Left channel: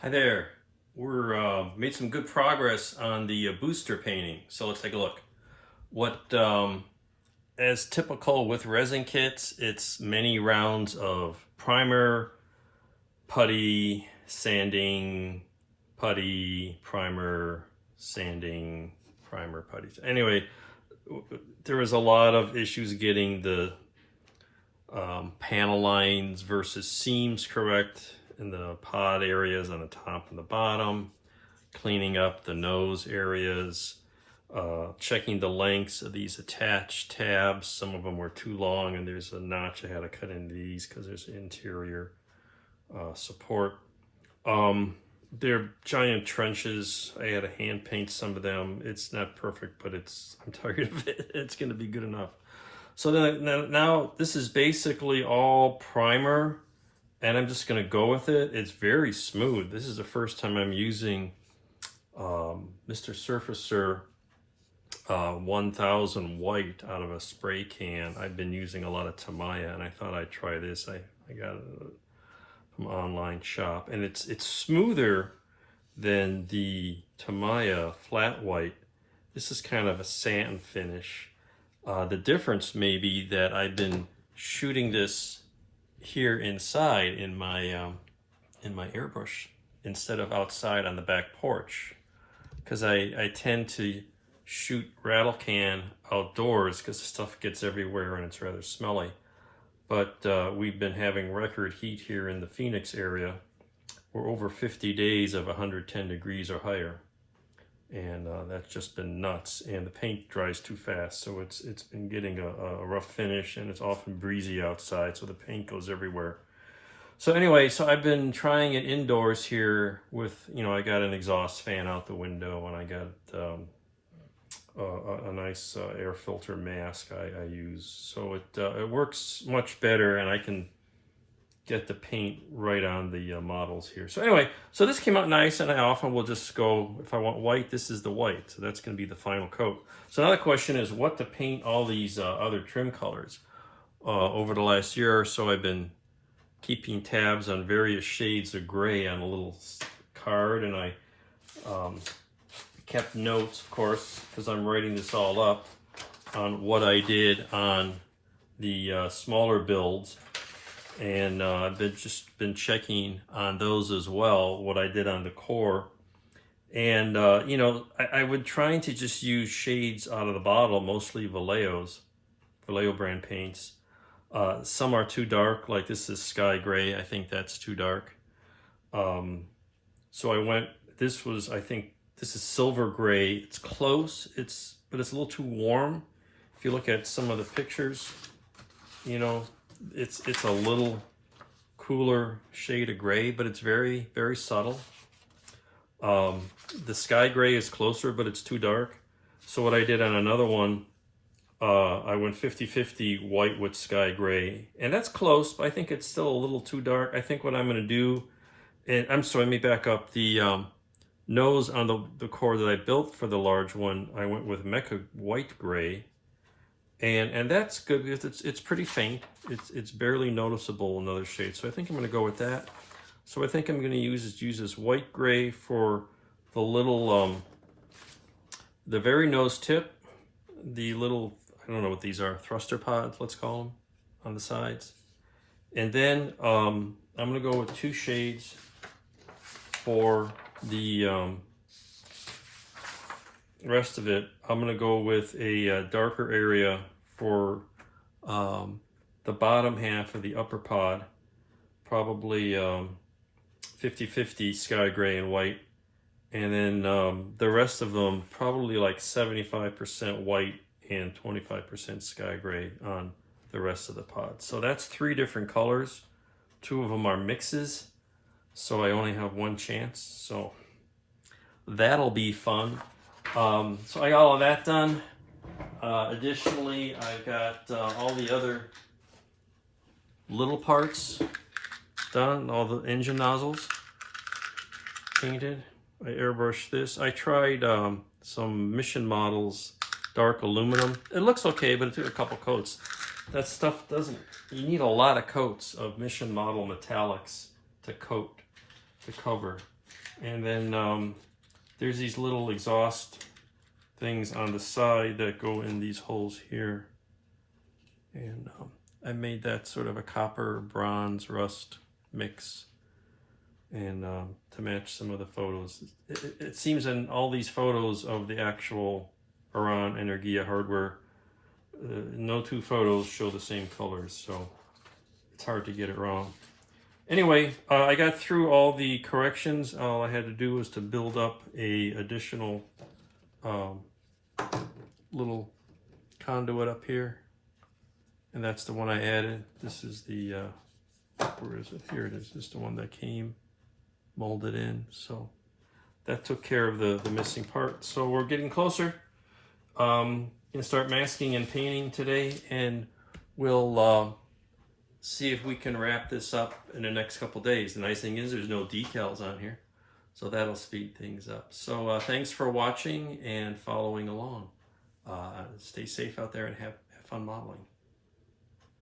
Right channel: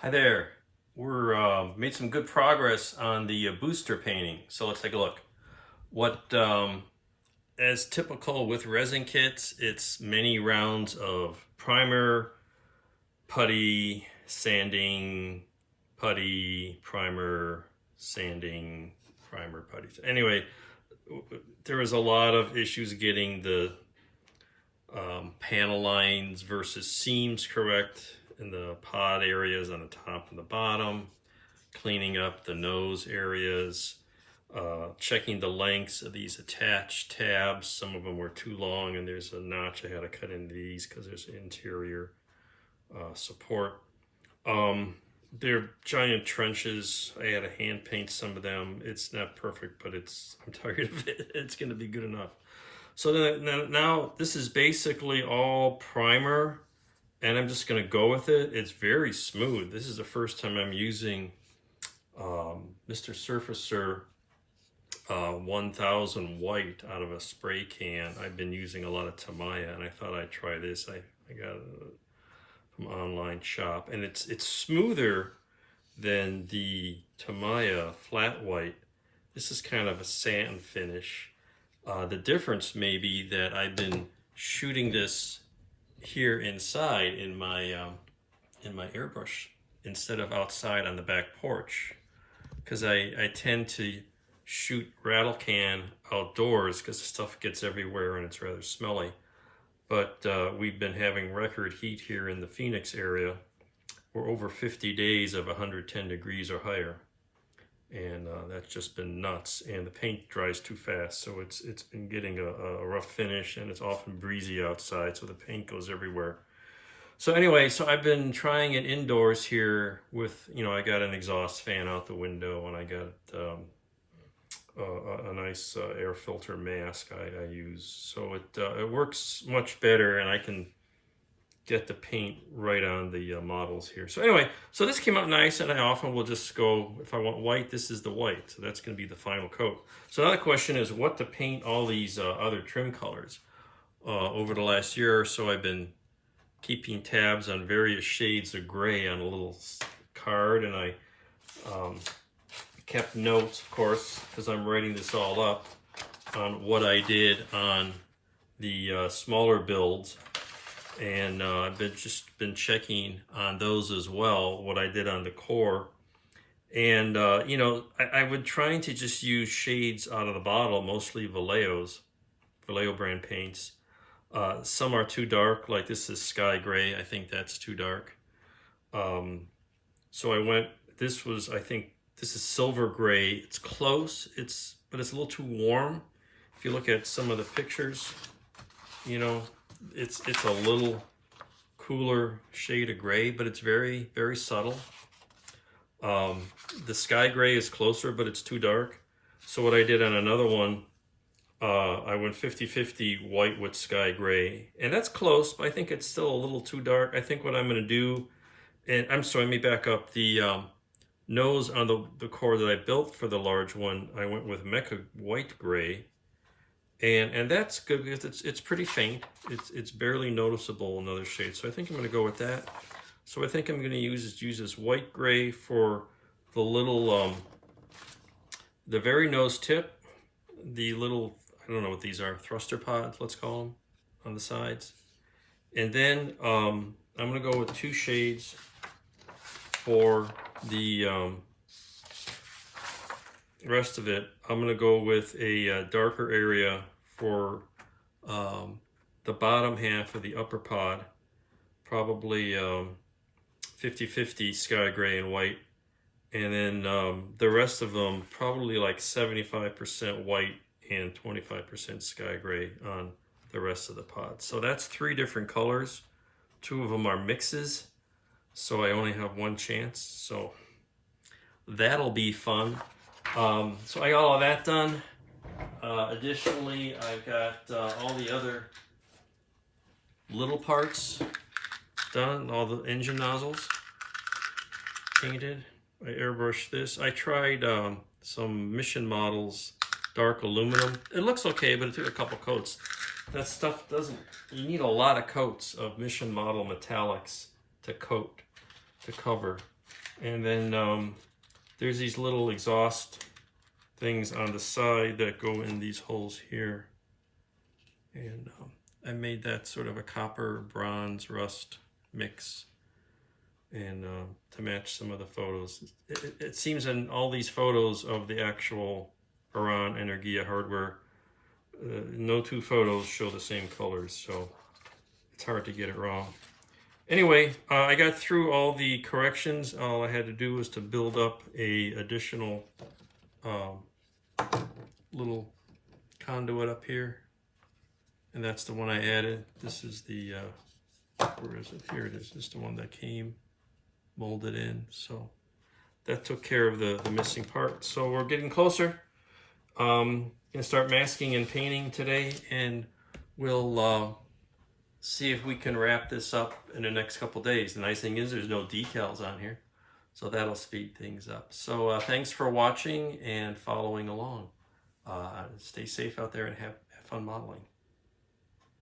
Hi there. We're made some good progress on the booster painting. So let's take a look. What, as typical with resin kits, it's many rounds of primer, putty, sanding, putty, primer, sanding, primer, putty. Anyway, there was a lot of issues getting the panel lines versus seams correct in the pod areas on the top and the bottom, cleaning up the nose areas, checking the lengths of these attached tabs. Some of them were too long and there's a notch I had to cut into these because there's interior support. They're giant trenches. I had to hand paint some of them. It's not perfect, but I'm tired of it. It's going to be good enough. So now this is basically all primer, and I'm just going to go with it. It's very smooth. This is the first time I'm using Mr. Surfacer 1000 white out of a spray can. I've been using a lot of Tamiya, and I thought I'd try this. I got it from an online shop, and it's smoother than the Tamiya flat white. This is kind of a satin finish. The difference may be that I've been shooting this here inside in my airbrush instead of outside on the back porch, because I tend to shoot rattle can outdoors because the stuff gets everywhere and it's rather smelly. But we've been having record heat here in the Phoenix area. We're over 50 days of 110 degrees or higher. And that's just been nuts, and the paint dries too fast, so it's been getting a rough finish, and it's often breezy outside, so the paint goes everywhere. So anyway, so I've been trying it indoors here with, I got an exhaust fan out the window, and I got a nice air filter mask I use, so it works much better, and I can get the paint right on the models here. So anyway, so this came out nice, and I often will just go, if I want white, this is the white. So that's going to be the final coat. So now the question is what to paint all these other trim colors. Over the last year or so, I've been keeping tabs on various shades of gray on a little card, and I kept notes, of course, because I'm writing this all up, on what I did on the smaller builds. And I've just been checking on those as well, what I did on the core. And, I would try to just use shades out of the bottle, mostly Vallejo brand paints. Some are too dark, like this is sky gray. I think that's too dark. So I think this is silver gray. It's close, but it's a little too warm. If you look at some of the pictures, it's a little cooler shade of gray, but it's very, very subtle. The sky gray is closer, but it's too dark. So what I did on another one, I went 50-50 white with sky gray, and that's close, but I think it's still a little too dark. I think what I'm going to do, and I'm sorry, let me back up. The nose on the core that I built for the large one, I went with Mecha white gray. And that's good because it's pretty faint. It's barely noticeable in other shades. So I think I'm going to go with that. So I think I'm going to use this white gray for the little, the very nose tip, the little, I don't know what these are, thruster pods, let's call them, on the sides. And then I'm going to go with two shades for the rest of it. I'm going to go with a darker area for the bottom half of the upper pod, probably 50-50 sky gray and white, and then the rest of them probably like 75% white and 25% sky gray on the rest of the pod. So that's 3 different colors. 2 of them are mixes, so I only have one chance, so that'll be fun. So I got all of that done. Additionally, I've got all the other little parts done, all the engine nozzles painted. I airbrushed this. I tried some Mission Models dark aluminum. It looks okay, but it took a couple coats. That stuff you need a lot of coats of Mission Model metallics to cover And then there's these little exhaust things on the side that go in these holes here. And I made that sort of a copper, bronze, rust mix, and to match some of the photos. It seems in all these photos of the actual Buran Energia hardware, no two photos show the same colors, so it's hard to get it wrong. Anyway, I got through all the corrections. All I had to do was to build up a additional little conduit up here, and that's the one I added. This is the where is it? Here it is. This is the one that came molded in. So that took care of the missing part. So we're getting closer. Gonna start masking and painting today, and we'll see if we can wrap this up in the next couple days. The nice thing is there's no decals on here, so that'll speed things up. So thanks for watching and following along. Stay safe out there and have fun modeling.